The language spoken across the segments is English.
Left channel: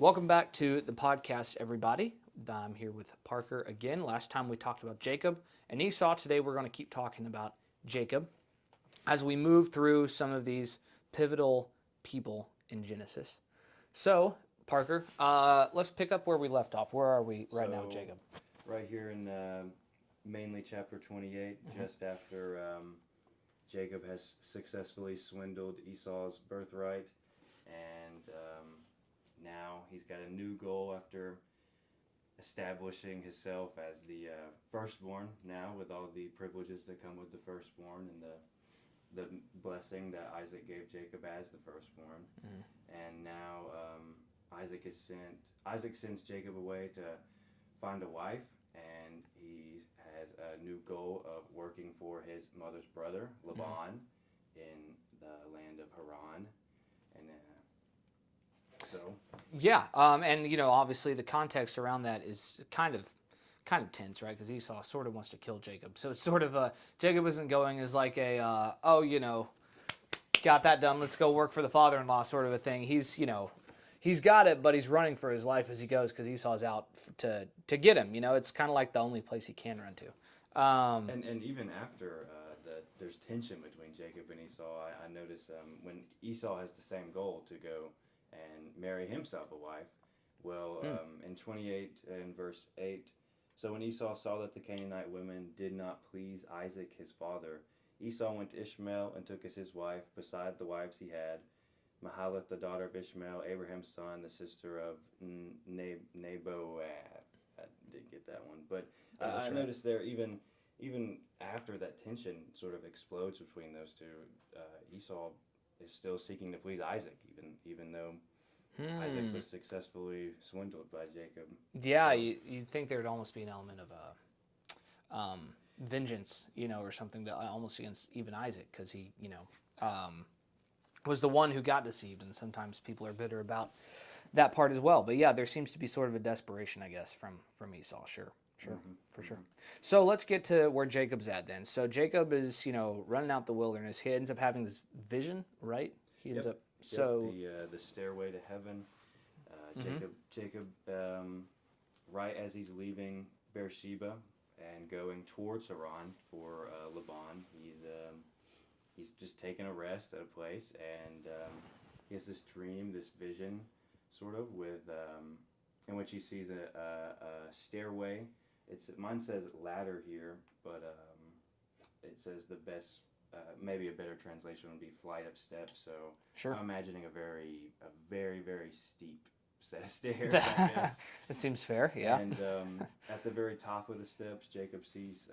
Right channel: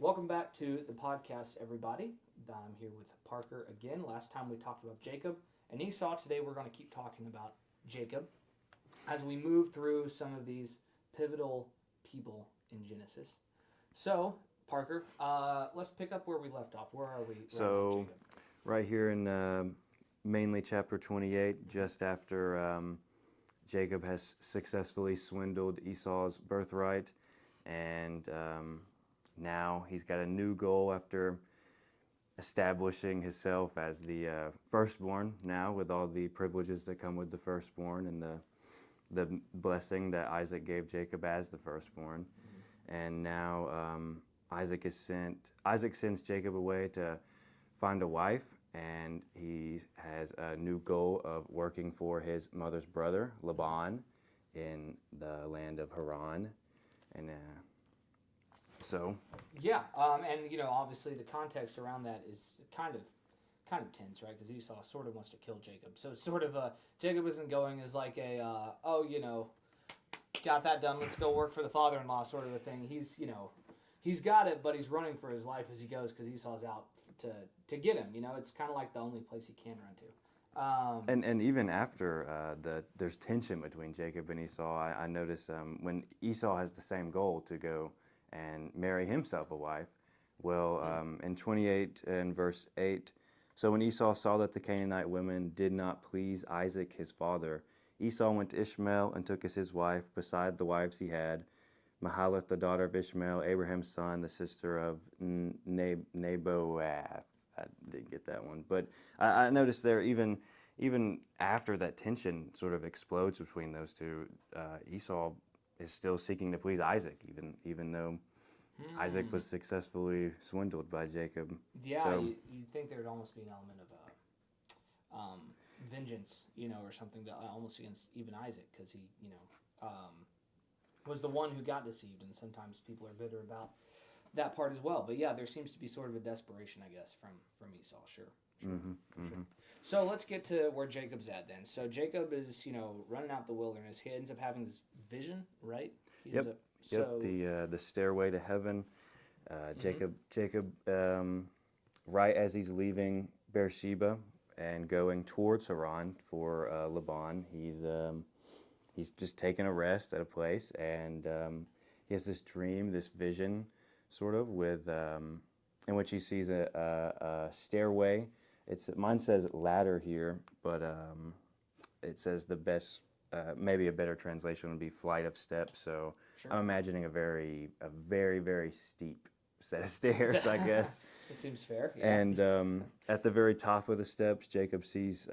Welcome back to the podcast, everybody. I'm here with Parker again. Last time we talked about Jacob and Esau. Today we're going to keep talking about Jacob as we move through some of these pivotal people in Genesis. So, Parker, let's pick up where we left off. Where are we right now, Jacob? Right here in mainly chapter 28, just after Jacob has successfully swindled Esau's birthright, and now he's got a new goal after establishing himself as the firstborn now, with all the privileges that come with the firstborn and the blessing that Isaac gave Jacob as the firstborn. And now Isaac sends Jacob away to find a wife, and he has a new goal of working for his mother's brother, Laban, in the land of Haran. And and obviously the context around that is kind of tense, right? Because Esau sort of wants to kill Jacob, so it's sort of Jacob isn't going as like a got that done, let's go work for the father-in-law sort of a thing. He's got it, but he's running for his life as he goes because Esau's out to get him. It's kind of like the only place he can run to. And even after there's tension between Jacob and Esau. I notice when Esau has the same goal to go and marry himself a wife. Well, in 28 and verse 8, so when Esau saw that the Canaanite women did not please Isaac his father, Esau went to Ishmael and took as his wife, beside the wives he had, Mahalath, the daughter of Ishmael, Abraham's son, the sister of Naboath. I didn't get that one. But I noticed there, even after that tension sort of explodes between those two, Esau is still seeking to please Isaac, even though Isaac was successfully swindled by Jacob. Yeah, so, you'd think there'd almost be an element of vengeance, or something that almost against even Isaac, because he, was the one who got deceived, and sometimes people are bitter about that part as well. But yeah, there seems to be sort of a desperation, I guess, from Esau. Sure, for sure. So let's get to where Jacob's at then. So Jacob is, running out the wilderness. He ends up having this vision, right? He ends up. So the stairway to heaven. Jacob, right as he's leaving Beersheba and going towards Haran for Laban, he's just taking a rest at a place, and he has this dream, this vision, sort of, with in which he sees a stairway. Mine says ladder here, but it says the best, maybe a better translation would be flight of steps. So sure. I'm imagining a very, very steep set of stairs, I guess. It seems fair, yeah. And at the very top of the steps, Jacob sees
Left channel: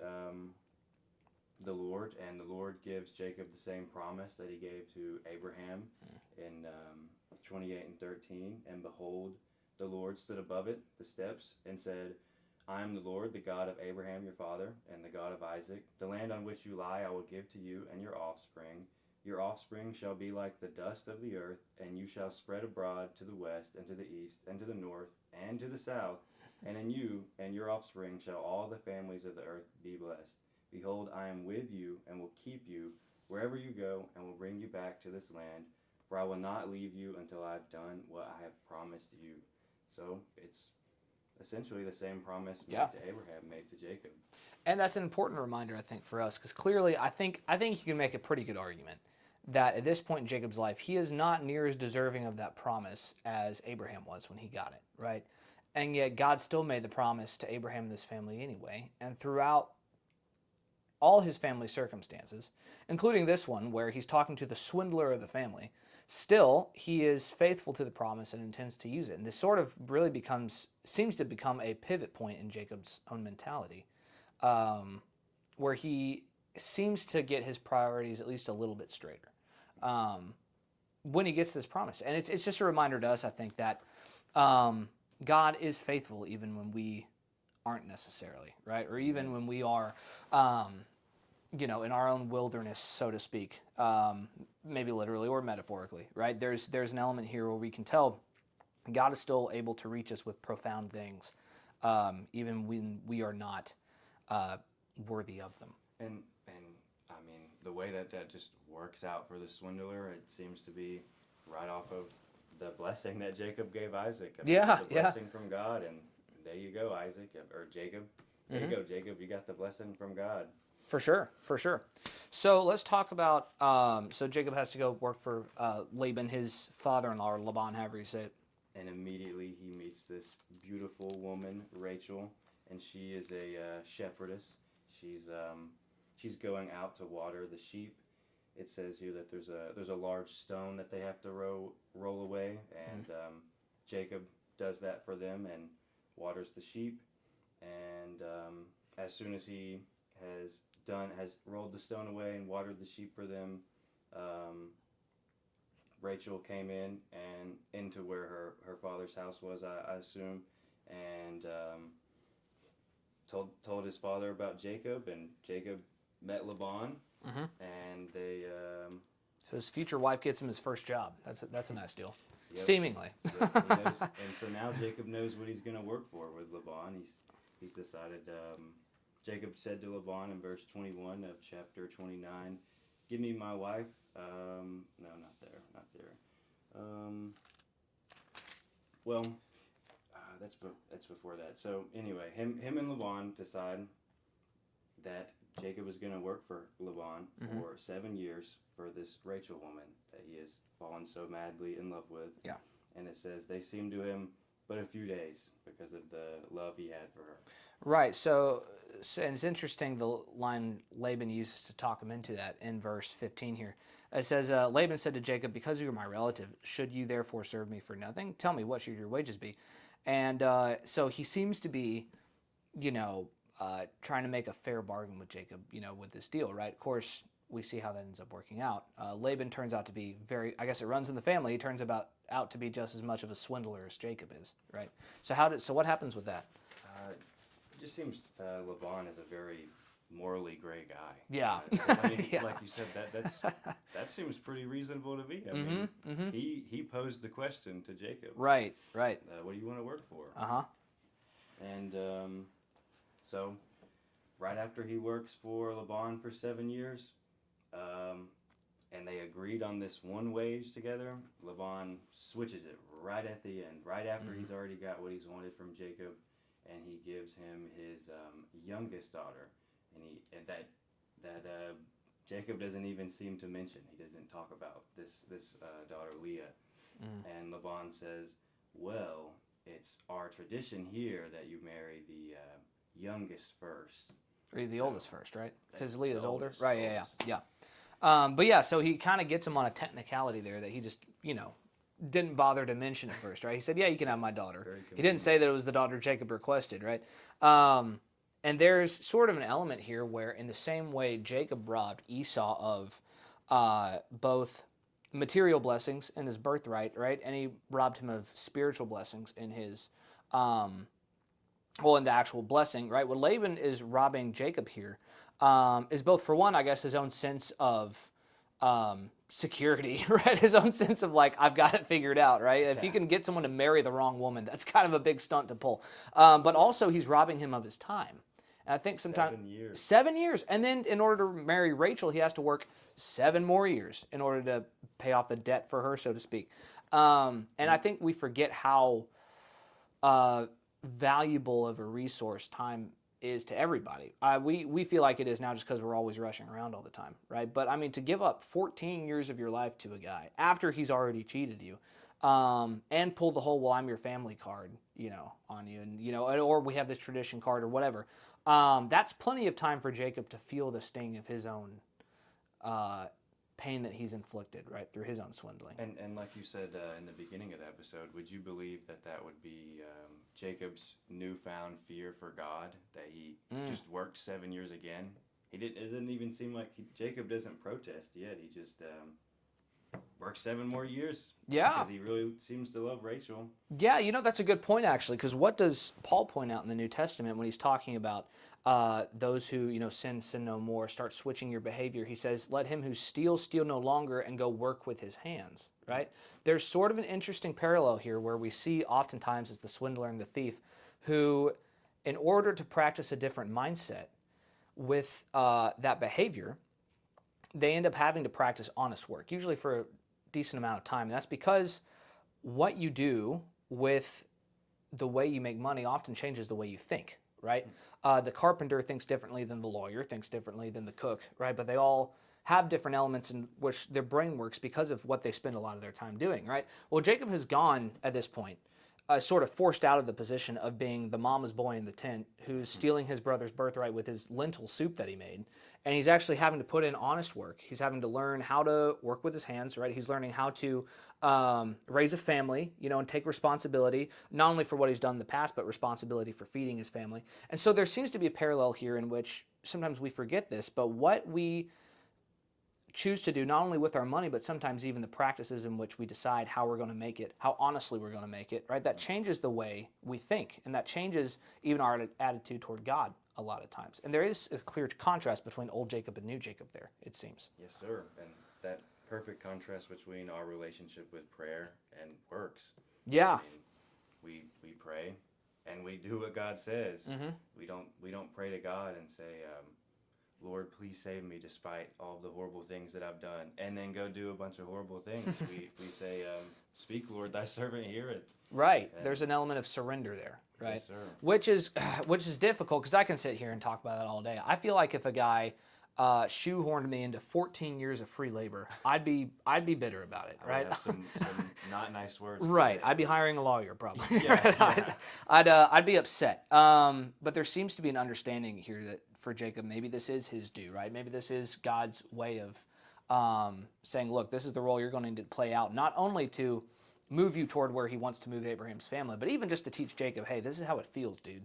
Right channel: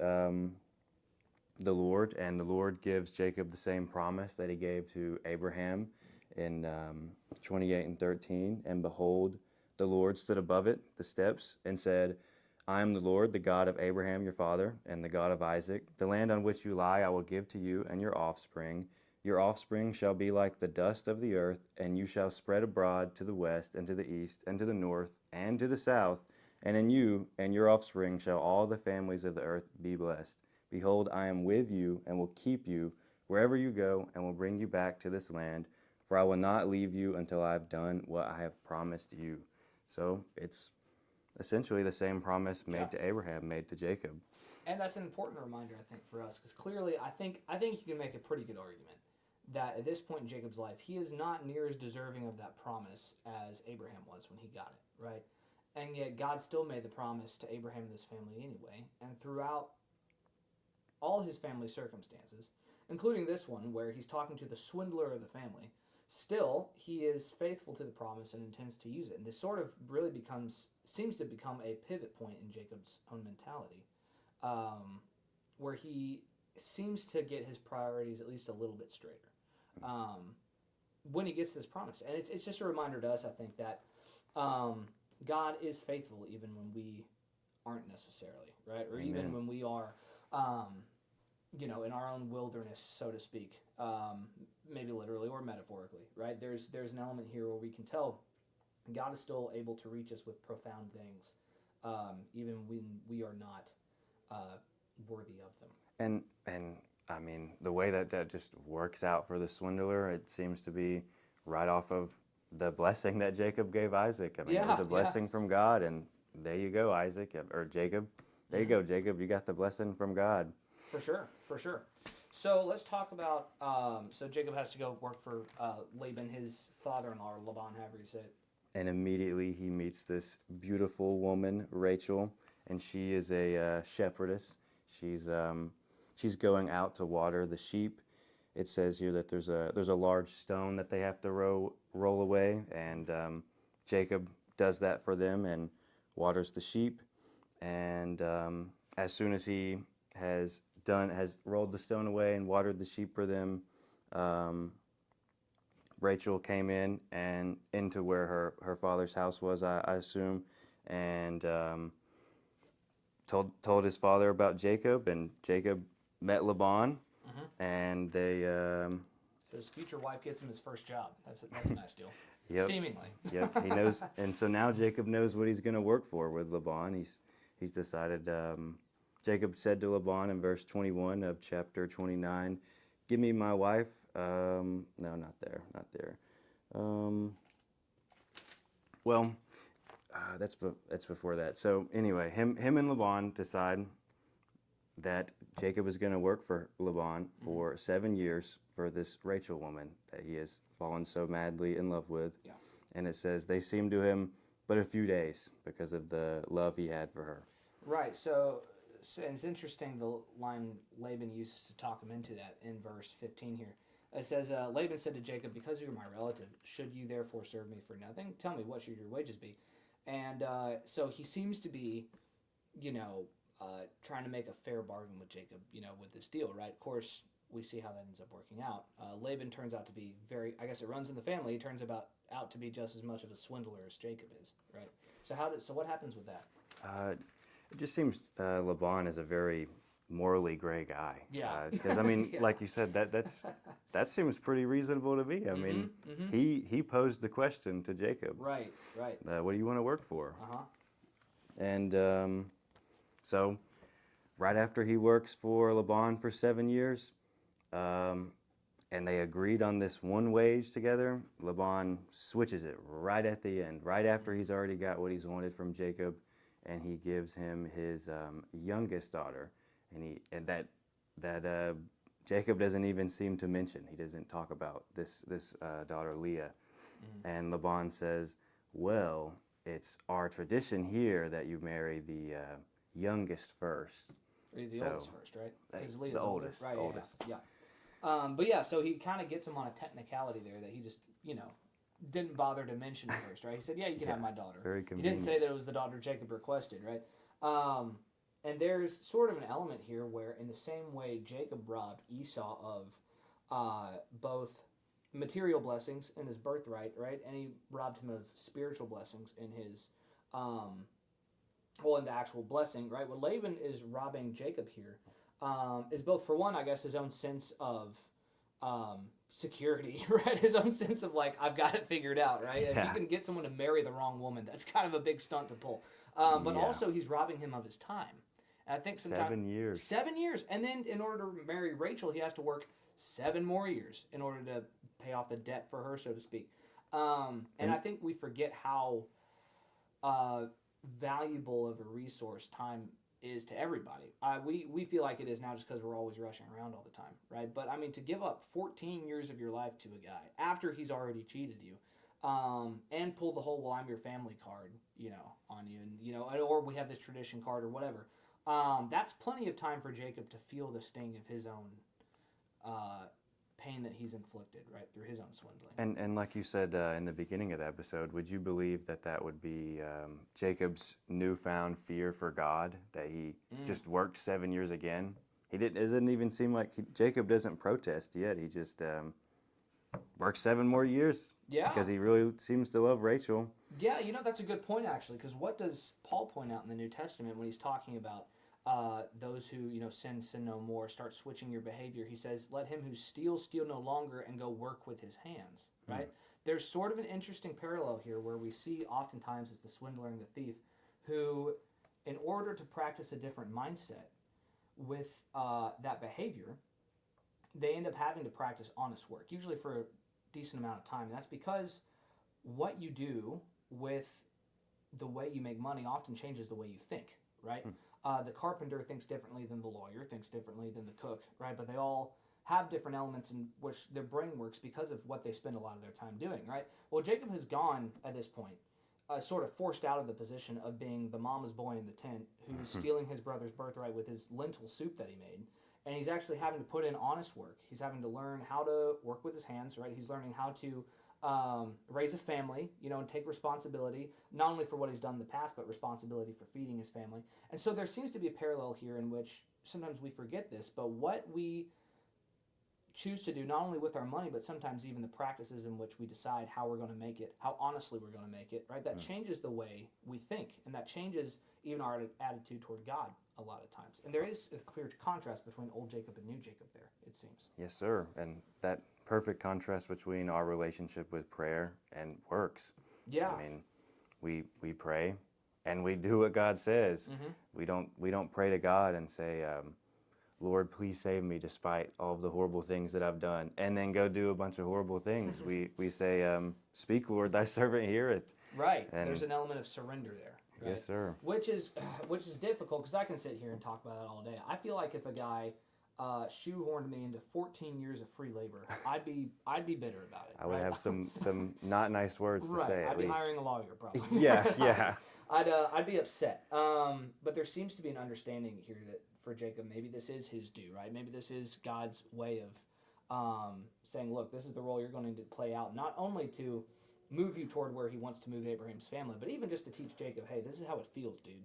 the Lord, and the Lord gives Jacob the same promise that he gave to Abraham in 28 and 13. And behold, the Lord stood above it, the steps, and said, I am the Lord, the God of Abraham your father, and the God of Isaac. The land on which you lie I will give to you and your offspring. Your offspring shall be like the dust of the earth, and you shall spread abroad to the west, and to the east, and to the north, and to the south. And in you and your offspring shall all the families of the earth be blessed. Behold, I am with you, and will keep you wherever you go, and will bring you back to this land. For I will not leave you until I have done what I have promised you. So it's essentially the same promise made to Abraham, made to Jacob. And that's an important reminder, I think, for us, because clearly I think you can make a pretty good argument that at this point in Jacob's life, he is not near as deserving of that promise as Abraham was when he got it, right? And yet God still made the promise to Abraham and his family anyway. And throughout all his family circumstances, including this one where he's talking to the swindler of the family, still he is faithful to the promise and intends to use it. And this sort of really seems to become a pivot point in Jacob's own mentality, where he seems to get his priorities at least a little bit straighter when he gets this promise. And it's just a reminder to us, I think, that God is faithful even when we aren't necessarily, right? Or even when we are, in our own wilderness, so to speak, maybe literally or metaphorically, right? There's an element here where we can tell God is still able to reach us with profound things, even when we are not worthy of them. And I mean, the way that just works out for the swindler, it seems to be right off of the blessing that Jacob gave Isaac. I mean, Yeah, it was a blessing from God, and there you go, Isaac, or Jacob. There you go, Jacob. You got the blessing from God. For sure, for sure. So let's talk about. So Jacob has to go work for Laban, his father-in-law, or Laban, however you say it. And immediately he meets this beautiful woman, Rachel, and she is a shepherdess. She's going out to water the sheep. It says here that there's a large stone that they have to roll away, and Jacob does that for them and waters the sheep. And as soon as he has rolled the stone away and watered the sheep for them, Rachel came in and into where her father's house was, I assume, and told his father about Jacob, and Jacob met Laban, and they. So his future wife gets him his first job. That's a nice deal. Yep. Seemingly. Yep, he knows, and so now Jacob knows what he's going to work for with Laban. He's decided. Jacob said to Laban in verse 21 of chapter 29, "Give me my wife." No, not there. Well, that's before that. So anyway, him and Laban decide that Jacob is going to work for Laban for 7 years for this Rachel woman that he has fallen so madly in love with. Yeah. And it says they seemed to him but a few days because of the love he had for her. Right. So and it's interesting the line Laban uses to talk him into that in verse 15 here. It says, Laban said to Jacob, "Because you are my relative, should you therefore serve me for nothing? Tell me, what should your wages be?" And so he seems to be, trying to make a fair bargain with Jacob, with this deal, right? Of course, we see how that ends up working out. Laban turns out to be I guess it runs in the family. He turns out to be just as much of a swindler as Jacob is, right? So what happens with that? It just seems Laban is a very morally gray guy. Yeah. 'Cause, I mean, Yeah. like you said, that seems pretty reasonable to me. I mean, he posed the question to Jacob. Right. What do you want to work for? Uh-huh. And so, right after he works for Laban for 7 years, and they agreed on this one wage together, Laban switches it right at the end, right after he's already got what he's wanted from Jacob, and he gives him his youngest daughter, and that Jacob doesn't even seem to mention. He doesn't talk about this daughter Leah, and Laban says, "Well, it's our tradition here that you marry the youngest first." Or the So, oldest first, right? Because Leah's the older. oldest, Right, oldest. yeah. But yeah, so he kind of gets him on a technicality there that he just, didn't bother to mention first, right? He said, "Yeah, you can have my daughter." Very He didn't convenient. say that it was the daughter Jacob requested, right? And there's sort of an element here where, in the same way Jacob robbed Esau of both material blessings in his birthright, right? And he robbed him of spiritual blessings in his, in the actual blessing, right? What Laban is robbing Jacob here is both, for one, I guess, his own sense of security, right? His own sense of like, I've got it figured out, right? If you Yeah. can get someone to marry the wrong woman, that's kind of a big stunt to pull. But Yeah. also he's robbing him of his time. And I think sometimes 7 years. 7 years, and then in order to marry Rachel, he has to work 7 more years in order to pay off the debt for her, so to speak. And I think we forget how valuable of a resource time is to everybody. We feel like it is now just because we're always rushing around all the time, right? But I mean, to give up 14 years of your life to a guy after he's already cheated you, and pulled the whole "well, I'm your family" card, on you, and or we have this tradition card or whatever. That's plenty of time for Jacob to feel the sting of his own pain that he's inflicted, right, through his own swindling. And like you said in the beginning of the episode, would you believe that would be Jacob's newfound fear for God, that he just worked 7 years again? It doesn't even seem like Jacob doesn't protest yet. He just works 7 more years. Yeah. Because he really seems to love Rachel. Yeah, that's a good point, actually, because what does Paul point out in the New Testament when he's talking about those who, sin no more, start switching your behavior? He says, "Let him who steals steal no longer, and go work with his hands," right? There's sort of an interesting parallel here where we see oftentimes it's the swindler and the thief who, in order to practice a different mindset with that behavior, they end up having to practice honest work, usually for a decent amount of time. And that's because what you do with the way you make money often changes the way you think, right? The carpenter thinks differently than the lawyer, thinks differently than the cook, right? But they all have different elements in which their brain works because of what they spend a lot of their time doing, right? Well, Jacob has gone at this point, sort of forced out of the position of being the mama's boy in the tent who's stealing his brother's birthright with his lentil soup that he made. And he's actually having to put in honest work. He's having to learn how to work with his hands, right? He's learning how to raise a family, and take responsibility, not only for what he's done in the past, but responsibility for feeding his family. And so there seems to be a parallel here in which sometimes we forget this, but what we choose to do, not only with our money, but sometimes even the practices in which we decide how we're going to make it, how honestly we're going to make it, right? That changes the way we think, and that changes even our attitude toward God a lot of times. And there is a clear contrast between old Jacob and new Jacob there, it seems. Yes, sir. And that perfect contrast between our relationship with prayer and works. Yeah. I mean, we pray and we do what God says. We don't pray to God and say, Lord, please save me despite all of the horrible things that I've done, and then go do a bunch of horrible things. We say, speak, Lord, thy servant heareth. Right. And there's an element of surrender there, right? Yes, sir. Which is difficult, because I can sit here and talk about that all day. I feel like if a guy shoehorned me into 14 years of free labor, I'd be bitter about it, I right? would have some not nice words to Right. say, I'd be at least. hiring a lawyer probably. Yeah. I'd be upset. But there seems to be an understanding here that for Jacob, maybe this is his due, right? Maybe this is God's way of saying, look, this is the role you're going to play out, not only to move you toward where he wants to move Abraham's family, but even just to teach Jacob, hey, this is how it feels, dude.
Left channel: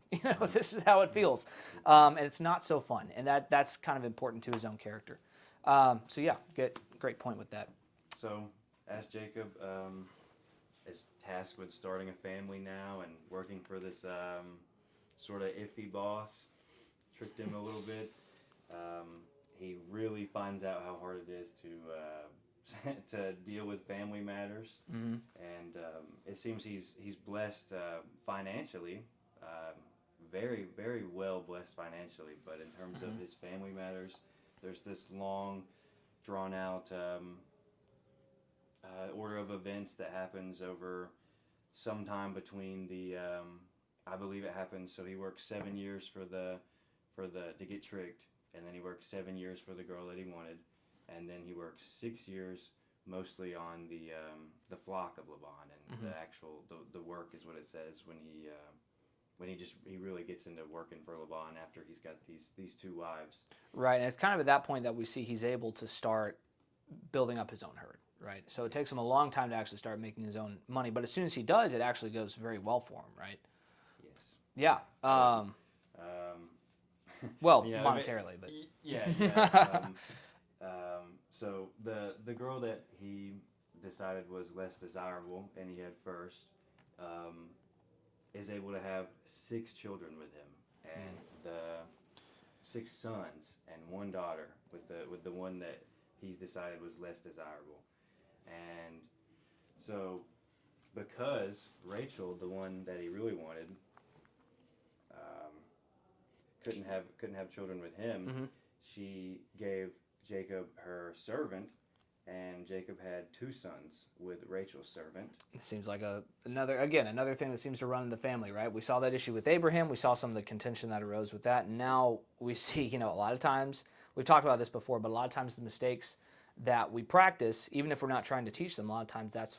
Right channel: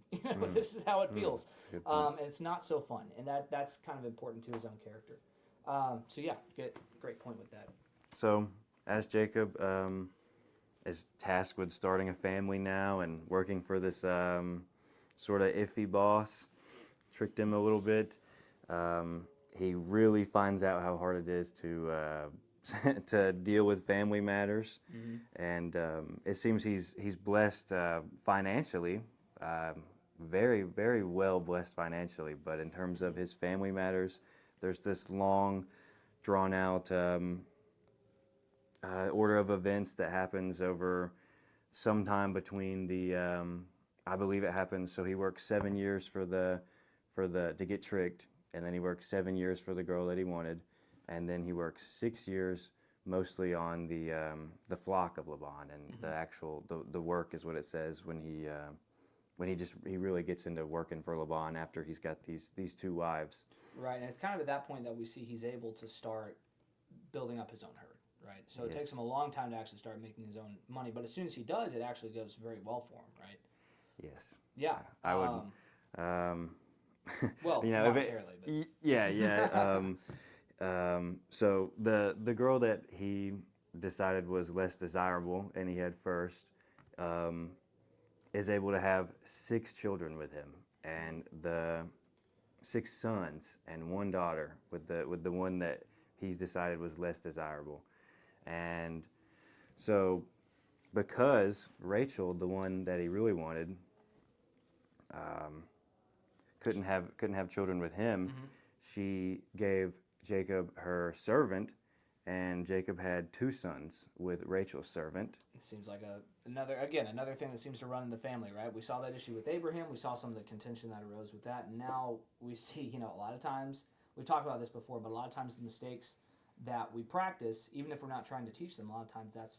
This is how it feels. And it's not so fun. And that's kind of important to his own character. So yeah, great point with that. So as Jacob is tasked with starting a family now and working for this sort of iffy boss, tricked him a little bit, he really finds out how hard it is to deal with family matters. And it seems he's blessed financially, very, very well blessed financially, but in terms of his family matters, there's this long drawn out order of events that happens over some time between the I believe it happens, so he works 7 years to get tricked, and then he works 7 years for the girl that he wanted, and then he works 6 years mostly on the flock of Laban, and the actual the work is what it says when he really gets into working for Laban after he's got these two wives. Right, and it's kind of at that point that we see he's able to start building up his own herd, right? So it takes him a long time to actually start making his own money, but as soon as he does, it actually goes very well for him, right? Yes. Yeah. Well, monetarily, but yeah. So the girl that he decided was less desirable, and he had first, is able to have 6 children with him, and the 6 sons and 1 daughter with the one that he's decided was less desirable. And so because Rachel, the one that he really wanted, couldn't have children with him, she gave Jacob her servant, and Jacob had 2 sons with Rachel's servant. it seems like another thing that seems to run in the family, right? We saw that issue with Abraham. We saw some of the contention that arose with that. And now we see, a lot of times, we've talked about this before, but a lot of times the mistakes that we practice, even if we're not trying to teach them, a lot of times that's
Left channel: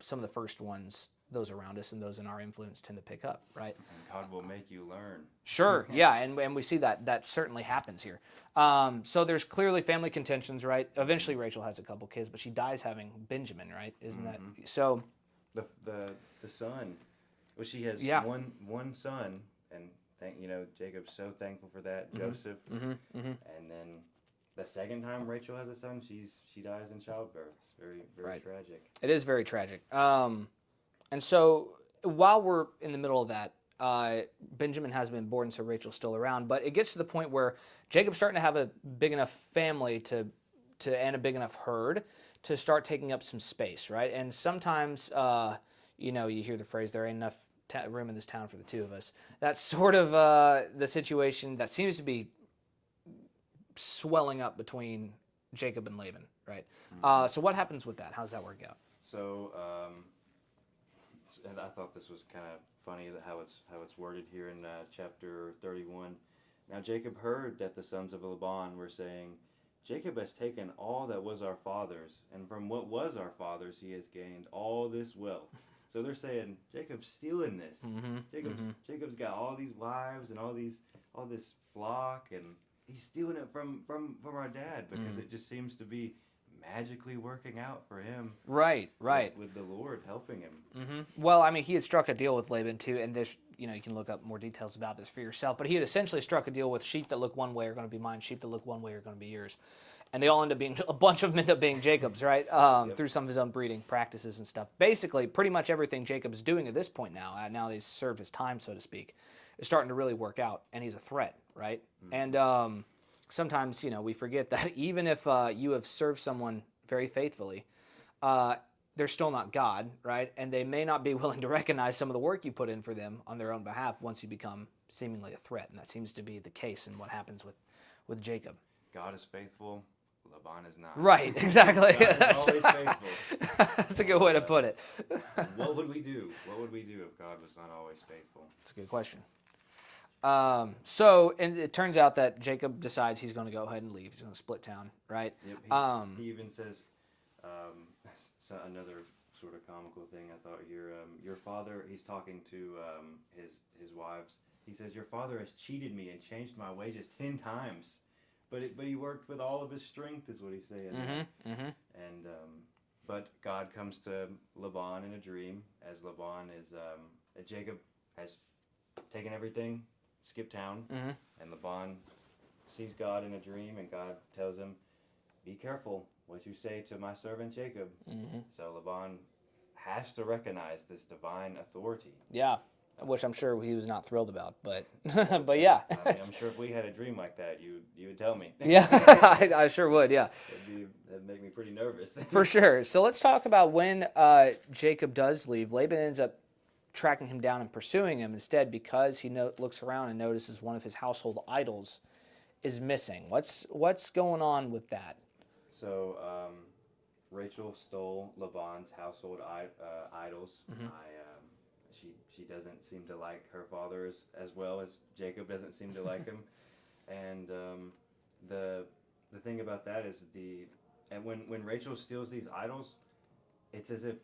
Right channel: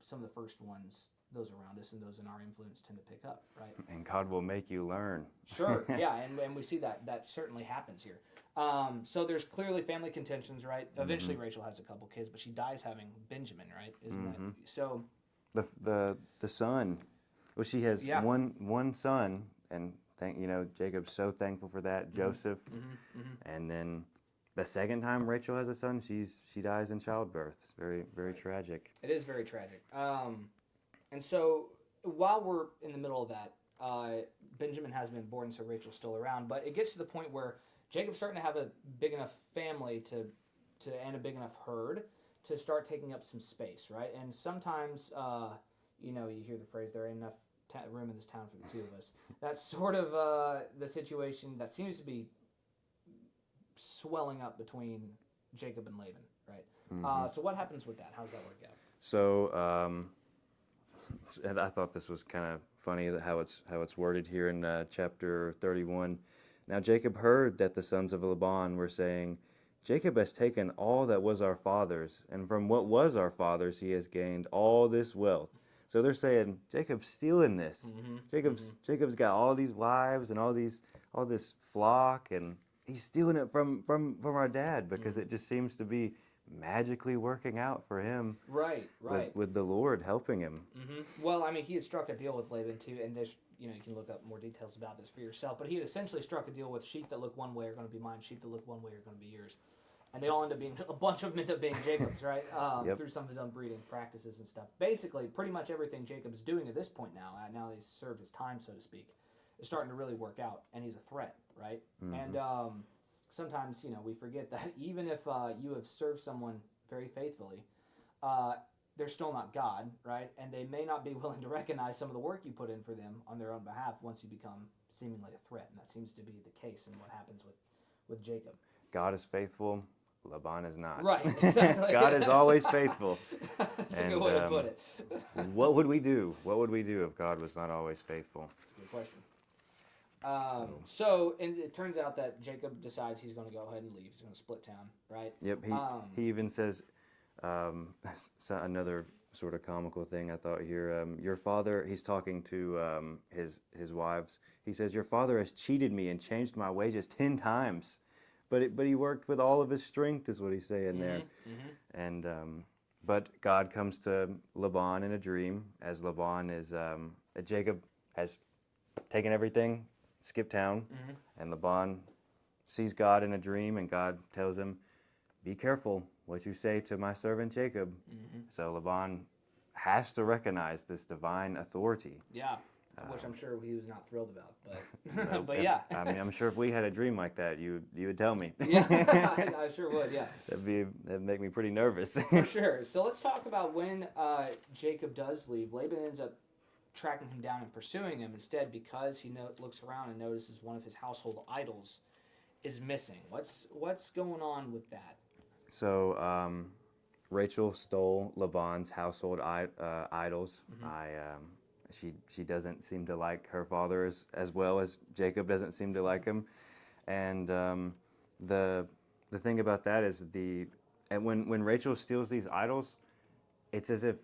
some of the first ones those around us and those in our influence tend to pick up, right? And God will make you learn. Sure, yeah, and we see that certainly happens here. So there's clearly family contentions, right? Eventually Rachel has a couple kids, but she dies having Benjamin, right? Isn't that so? The son, well, she has one son, and Jacob's so thankful for that. Joseph, and then the second time Rachel has a son, she dies in childbirth. It's very, very tragic. It is very tragic. And so while we're in the middle of that, Benjamin has been born, so Rachel's still around. But it gets to the point where Jacob's starting to have a big enough family and a big enough herd to start taking up some space, right? And sometimes, you hear the phrase, there ain't enough room in this town for the two of us. That's sort of the situation that seems to be swelling up between Jacob and Laban, right? So what happens with that? How does that work out? So And I thought this was kind of funny how it's worded here in chapter 31. Now Jacob heard that the sons of Laban were saying, Jacob has taken all that was our father's, and from what was our father's he has gained all this wealth. So they're saying Jacob's stealing this. Jacob's got all these wives and all this flock, and he's stealing it from our dad because it just seems to be magically working out for him. Right. With the Lord helping him. Well, I mean, he had struck a deal with Laban too, and this, you can look up more details about this for yourself. But he had essentially struck a deal with sheep that look one way are going to be mine, sheep that look one way are going to be yours, and they all end up being a bunch of them end up being Jacob's, right? Through some of his own breeding practices and stuff. Basically, pretty much everything Jacob's doing at this point now that he's served his time, so to speak, is starting to really work out, and he's a threat, right? And sometimes, we forget that even if you have served someone very faithfully, they're still not God, right? And they may not be willing to recognize some of the work you put in for them on their own behalf once you become seemingly a threat. And that seems to be the case in what happens with Jacob. God is faithful, Laban is not. Right, exactly. God is always faithful. That's a good way to put it. What would we do? What would we do if God was not always faithful? That's a good question. So it turns out that Jacob decides he's going to go ahead and leave. He's going to split town, right? Yep. He even says, another sort of comical thing I thought here. Your father, he's talking to his wives. He says, your father has cheated me and changed my wages 10 times. But he worked with all of his strength, is what he's saying there. And but God comes to Laban in a dream, as Laban is Jacob has taken everything, skipped town, and Laban sees God in a dream, and God tells him, "Be careful what you say to my servant Jacob." So Laban has to recognize this divine authority. Yeah. Which I'm sure he was not thrilled about, but but yeah. I mean, I'm sure if we had a dream like that, you would tell me. Yeah, I sure would. Yeah, that'd make me pretty nervous. For sure. So let's talk about when Jacob does leave. Laban ends up tracking him down and pursuing him instead because he looks around and notices one of his household idols is missing. What's going on with that? So Rachel stole Laban's household idols. She doesn't seem to like her father as well as Jacob doesn't seem to like him, and the thing about that is when Rachel steals these idols, it's as if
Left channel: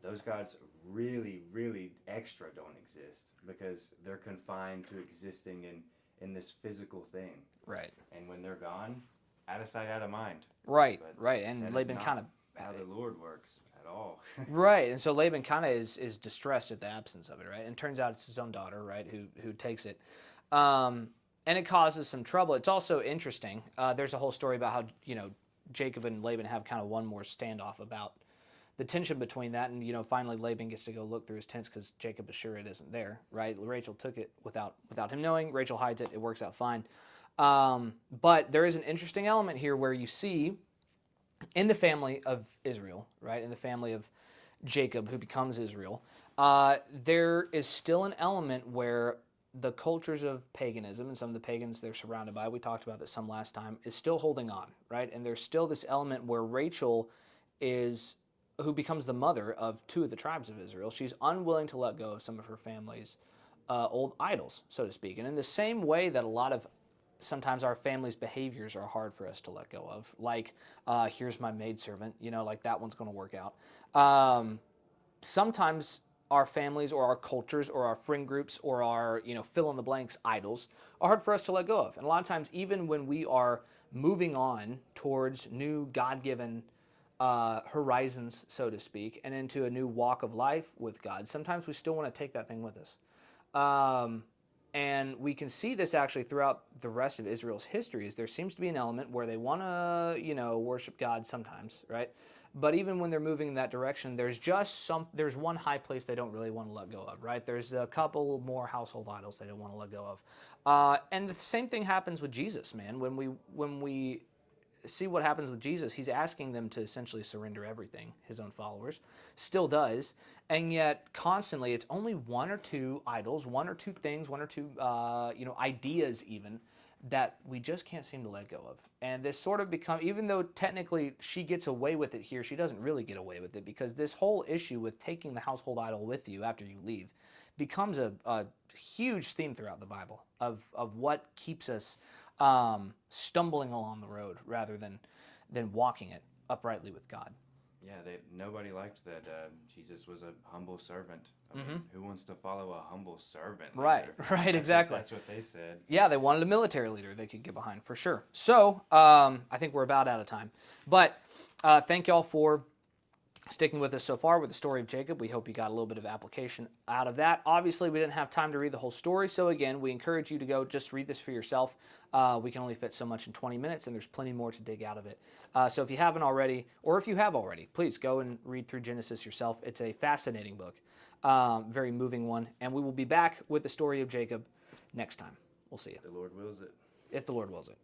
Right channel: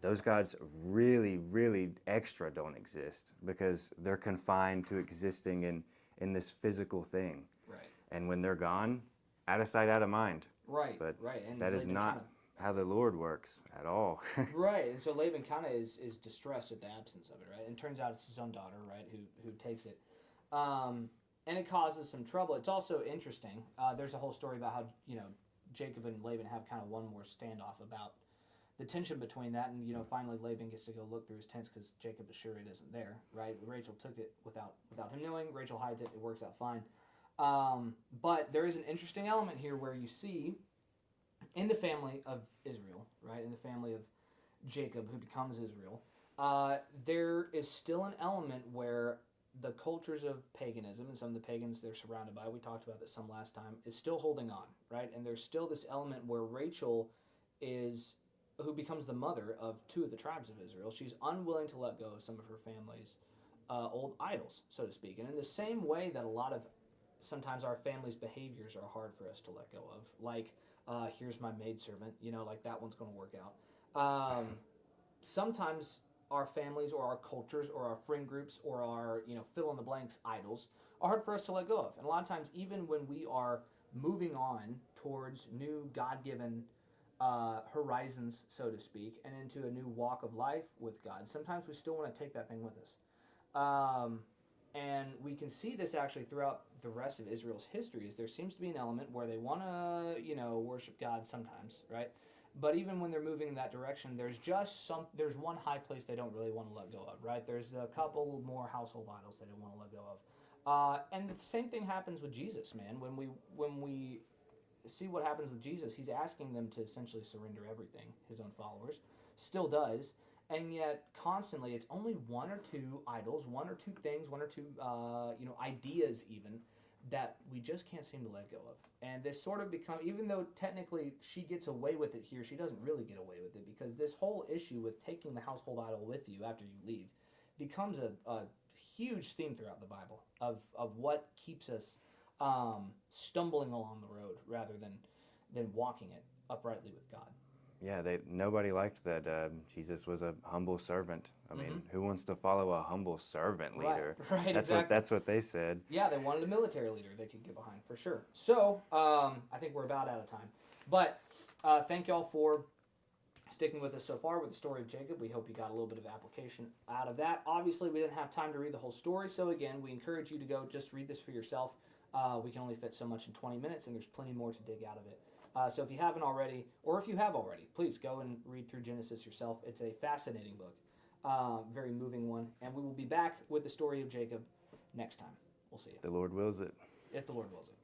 those gods really, really extra don't exist because they're confined to existing in this physical thing. Right. And when they're gone, out of sight, out of mind. Right. But right. And that Laban is not kind of how the Lord works at all. Right, and so Laban kind of is distressed at the absence of it, right? And it turns out it's his own daughter, right, who takes it. And it causes some trouble. It's also interesting. There's a whole story about how, Jacob and Laban have kind of one more standoff about the tension between that. And, finally Laban gets to go look through his tents because Jacob is sure it isn't there, right? Rachel took it without him knowing. Rachel hides it. It works out fine. But there is an interesting element here where you see in the family of Israel, right, in the family of Jacob, who becomes Israel, there is still an element where the cultures of paganism and some of the pagans they're surrounded by, we talked about this some last time, is still holding on, right? And there's still this element where Rachel who becomes the mother of 2 of the tribes of Israel, she's unwilling to let go of some of her family's old idols, so to speak. And in the same way that a lot of sometimes our family's behaviors are hard for us to let go of. Like, here's my maidservant, like that one's going to work out. Sometimes our families or our cultures or our friend groups or our, fill-in-the-blanks idols are hard for us to let go of. And a lot of times, even when we are moving on towards new God-given horizons, so to speak, and into a new walk of life with God, sometimes we still want to take that thing with us. And we can see this actually throughout the rest of Israel's history. Is there seems to be an element where they want to, worship God sometimes, right? But even when they're moving in that direction, there's one high place they don't really want to let go of, right? There's a couple more household idols they don't want to let go of. And the same thing happens with Jesus, man. When we see what happens with Jesus, he's asking them to essentially surrender everything, his own followers, still does. And yet, constantly, it's only 1 or 2 idols, 1 or 2 things, 1 or 2, ideas even, that we just can't seem to let go of. And this sort of even though technically she gets away with it here, she doesn't really get away with it, because this whole issue with taking the household idol with you after you leave becomes a huge theme throughout the Bible of what keeps us stumbling along the road rather than walking it uprightly with God. Yeah, nobody liked that Jesus was a humble servant. I mean, who wants to follow a humble servant leader? Right, exactly. That's what they said. Yeah, they wanted a military leader they could get behind, for sure. So, I think we're about out of time. But thank y'all for sticking with us so far with the story of Jacob. We hope you got a little bit of application out of that. Obviously, we didn't have time to read the whole story, so again, we encourage you to go just read this for yourself. We can only fit so much in 20 minutes, and there's plenty more to dig out of it. So if you haven't already, or if you have already, please go and read through Genesis yourself. It's a fascinating book, very moving one, and we will be back with the story of Jacob next time. We'll see you. The Lord wills it. If the Lord wills it.